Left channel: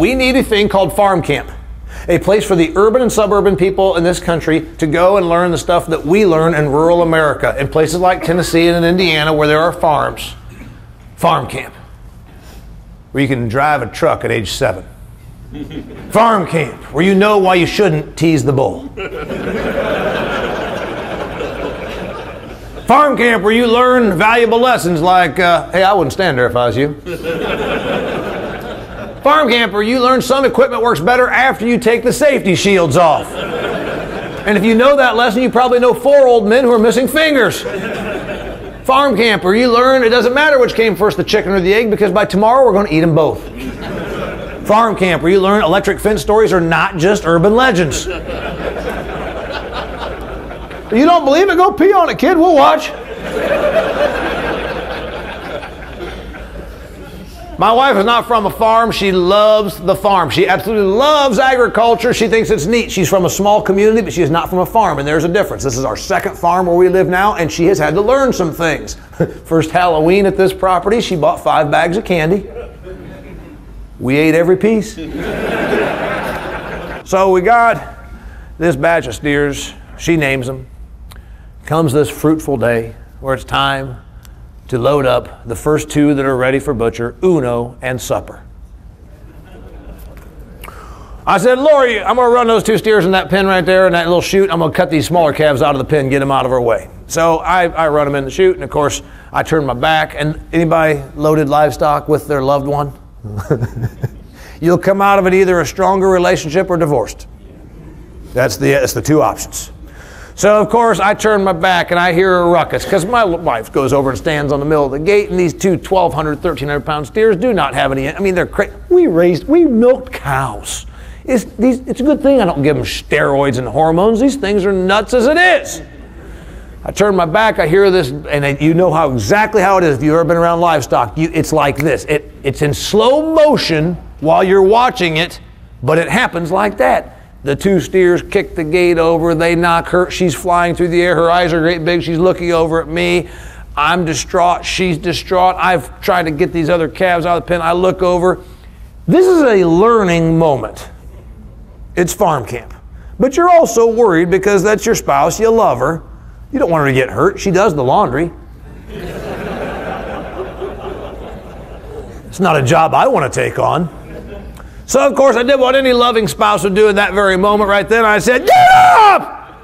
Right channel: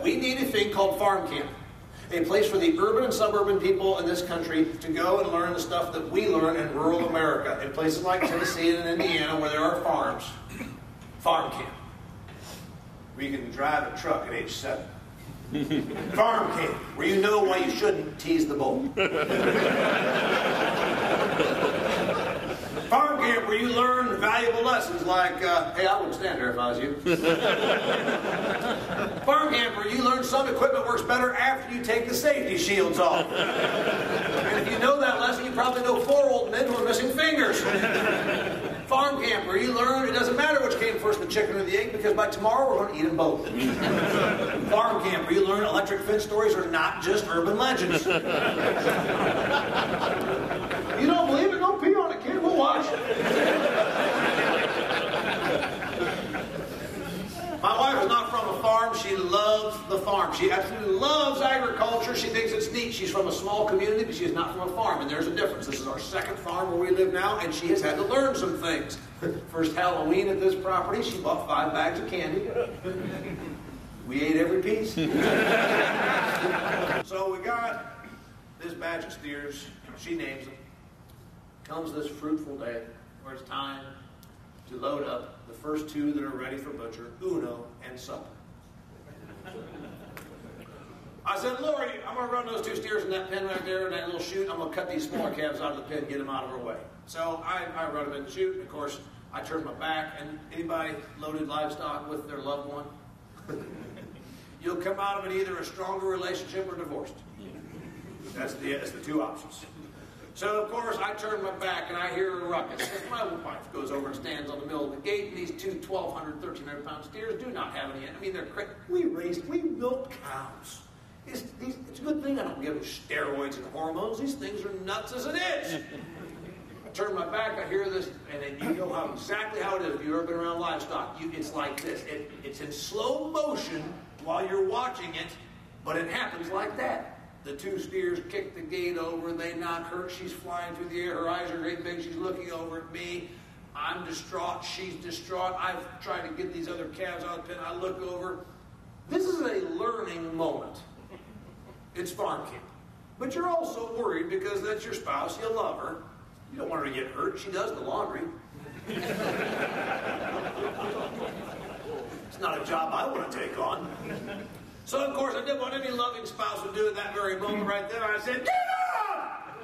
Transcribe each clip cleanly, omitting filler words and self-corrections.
We need a thing called farm camp. A place for the urban and suburban people in this country to go and learn the stuff that we learn in rural America, in places like Tennessee and Indiana where there are farms. Farm camp. Where you can drive a truck at age 7. Farm camp, where you know why you shouldn't tease the bull. Farm camp, where you learn valuable lessons like, hey, I wouldn't stand there if I was you. Farm camp, where you learn some equipment works better after you take the safety shields off. And if you know that lesson, you probably know 4 old men who are missing fingers. Farm camp, where you learn it doesn't matter which came first, the chicken or the egg, because by tomorrow we're going to eat them both. Farm camp, where you learn electric fence stories are not just urban legends. You don't believe it? Go pee on it, kid. We'll watch. My wife is not from a farm. She loves the farm. She absolutely loves agriculture. She thinks it's neat. She's from a small community, but she is not from a farm, and there's a difference. This is our second farm where we live now, and she has had to learn some things. First Halloween at this property, she bought 5 bags of candy. We ate every piece. So we got this batch of steers. She names them. Comes this fruitful day where it's time to load up the first 2 that are ready for butcher, Uno and Supper. I said, Lori, I'm going to run those 2 steers in that pen right there in that little chute. I'm going to cut these smaller calves out of the pen, get them out of our way. So I run them in the chute, and of course, I turn my back. And anybody loaded livestock with their loved one? You'll come out of it either a stronger relationship or divorced. That's the 2 options. So, of course, I turn my back and I hear a ruckus because my wife goes over and stands on the middle of the gate, and these 2 1,200, 1,300 pound steers do not have any. I mean, they're crazy. We milked cows. It's a good thing I don't give them steroids and hormones. These things are nuts as it is. I turn my back, I hear this, and you know exactly how it is if you've ever been around livestock. It's like this. It's in slow motion while you're watching it, but it happens like that. The 2 steers kick the gate over, they knock her, she's flying through the air, her eyes are great big, she's looking over at me. I'm distraught, she's distraught. I've tried to get these other calves out of the pen. I look over. This is a learning moment. It's farm camp. But you're also worried because that's your spouse, you love her. You don't want her to get hurt, she does the laundry. It's not a job I want to take on. So, of course, I did what any loving spouse would do in that very moment right then. I said, get up!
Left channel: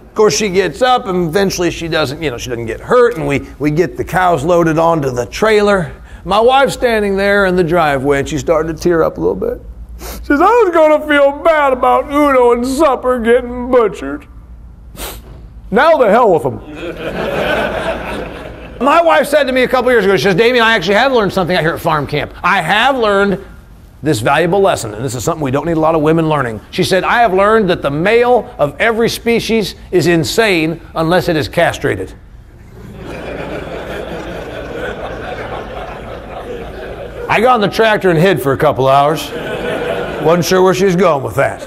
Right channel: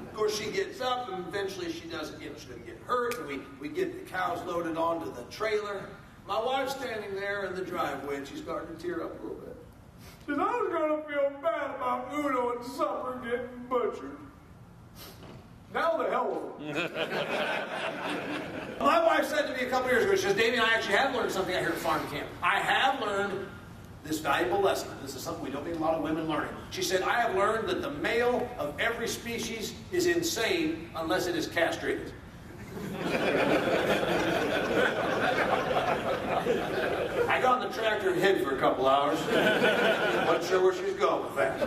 Of course, she gets up, and eventually she doesn't get hurt, and we get the cows loaded onto the trailer. My wife's standing there in the driveway, and she started to tear up a little bit. She says, I was going to feel bad about Uno and Supper getting butchered. Now the hell with them. My wife said to me a couple years ago, she says, Damian, I actually have learned something out here at farm camp. I have learned this valuable lesson, and this is something we don't need a lot of women learning. She said, I have learned that the male of every species is insane unless it is castrated. I got on the tractor and hid for a couple hours. Wasn't sure where she was going with that.